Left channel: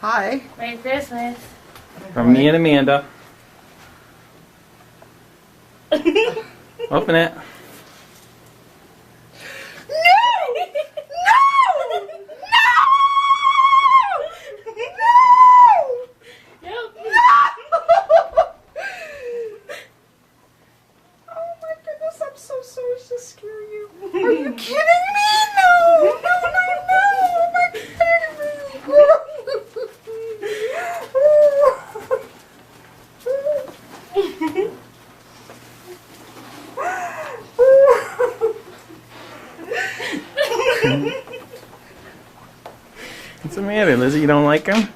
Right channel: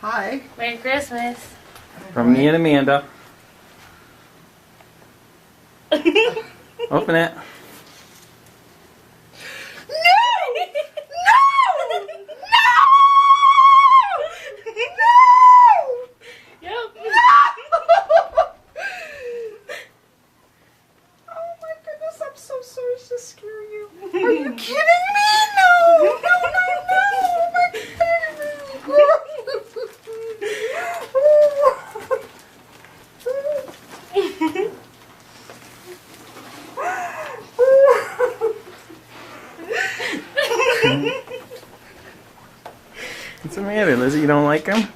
Hi. Merry Christmas. From me and Amanda. Open it. Are you kidding me? No, my What's the matter, Lizzie? You don't like her?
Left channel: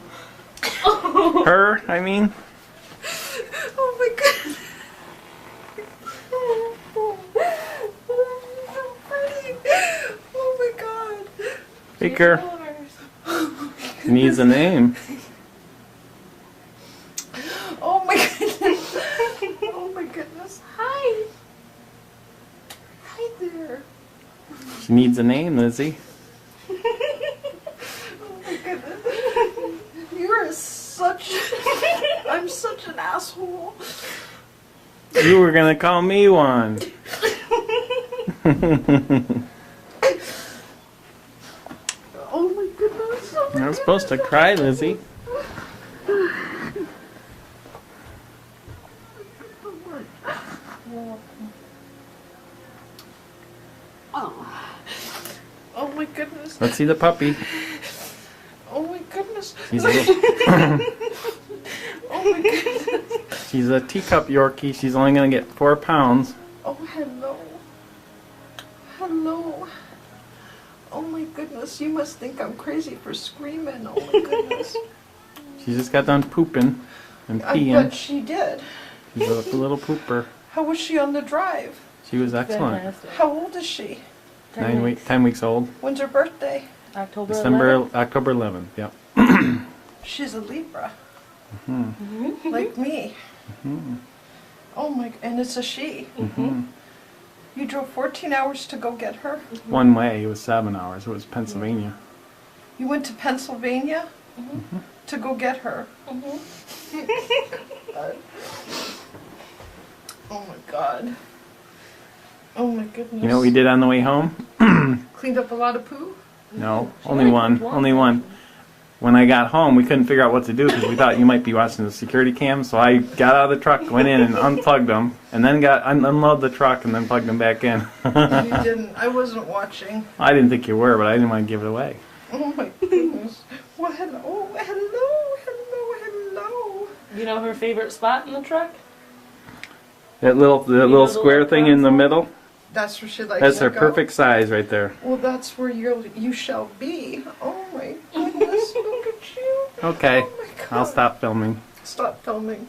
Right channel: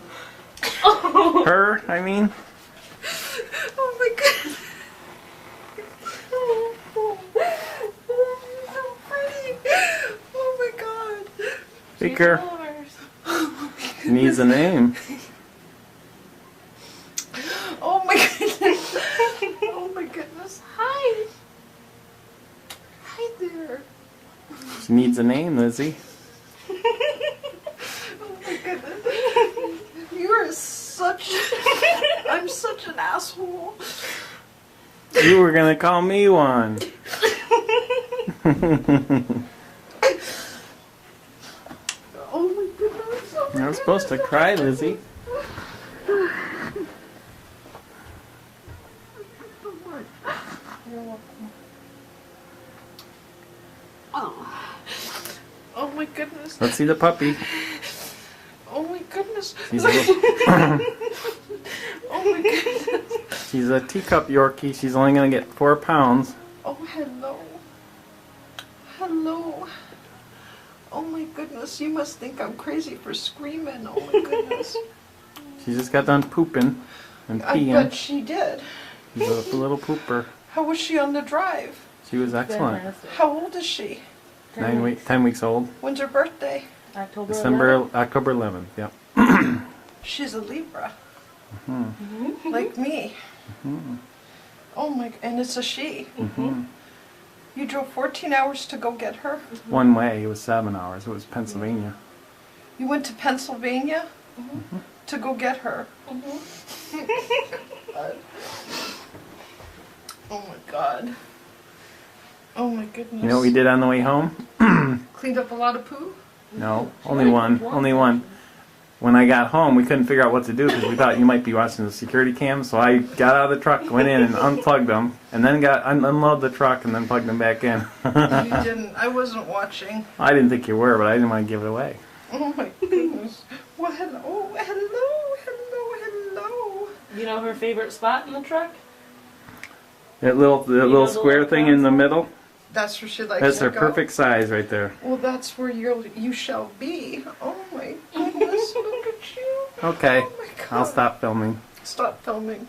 Her, I mean? Oh my goodness. Oh my god. Take her. Needs a name. Oh my goodness. Oh my goodness. Hi. Hi there. She needs a name, Lizzie. Oh my goodness. You are such... I'm such an asshole. You were gonna call me one. Oh my goodness. Oh my You're not supposed to cry, Lizzie. Oh my goodness. Let's see the puppy. Oh my goodness. She's Oh my goodness. she's a teacup Yorkie. She's only gonna get 4 pounds. Oh, hello. Hello. Oh my goodness. You must think I'm crazy for screaming. Oh my goodness. She just got done pooping and I peeing. bet she did. She's a little pooper. How was she on the drive? She was excellent. Fantastic. How old is she? 10 weeks old. When's her birthday? October 11th. October 11th, yeah. She's a Libra. Mm-hmm. Like me. Mm-hmm. Oh my, and it's a she. Mm-hmm. You drove 14 hours to go get her? One way, it was 7 hours. It was Pennsylvania. You went to Pennsylvania to go get her? Oh my god. Oh my goodness. You know what we did on the way home? Cleaned up a lot of poo? No, She only only one. cooked one. Only one. When I got home, we couldn't figure out what to do because we thought you might be watching the security cam. So I got out of the truck, went in and unplugged them, and then unloaded the truck and then plugged them back in. You didn't. I wasn't watching. I didn't think you were, but I didn't want to give it away. Oh my goodness. Well, hello, hello. You know her favorite spot in the truck? That little the square little thing in the console? middle. That's where she likes That's to her go. perfect size right there. Well, that's where you shall be. Oh my goodness, look at you. Okay, Oh my god. I'll stop filming. Stop filming.